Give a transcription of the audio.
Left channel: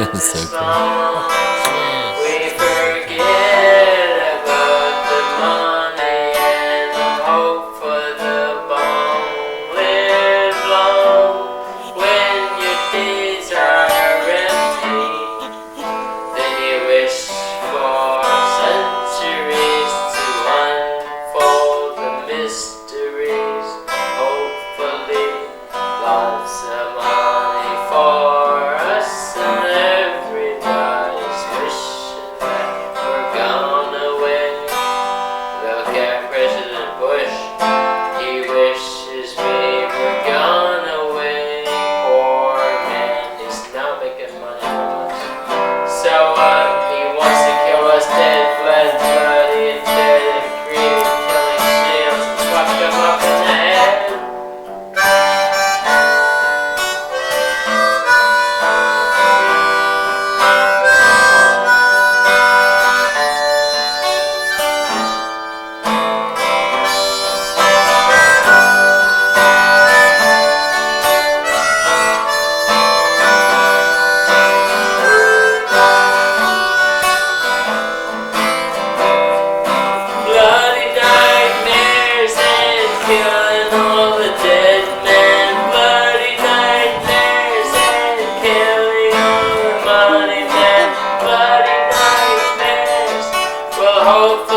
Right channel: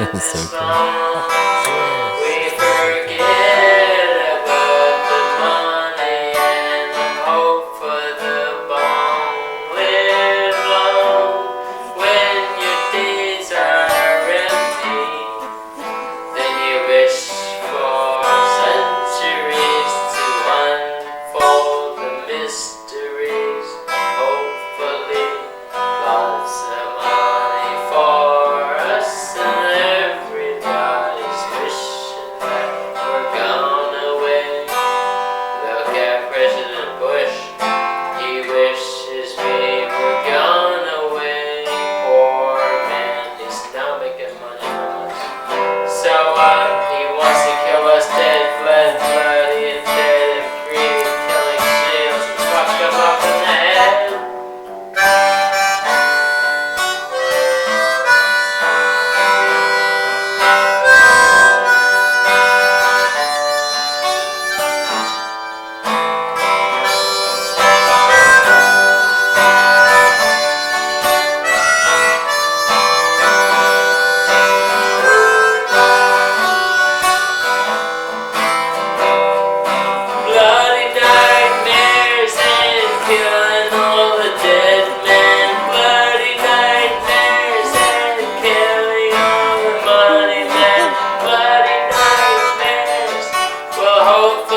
That's so cool. We forget about the money and the hope for the bomb. Live long when your days are empty. Then you wish for centuries to unfold the mysteries. Hopefully, lots of money for us, and everybody's wishing that we're gone away. Look at President Bush, he wishes we were gone away. Poor man, he's now making money from us. So he wants to kill us dead, bloody and dead and green, killing seals and fuck them up in the head. Bloody nightmares and killing all the dead men. Bloody nightmares and killing all the money men. Bloody nightmares will hope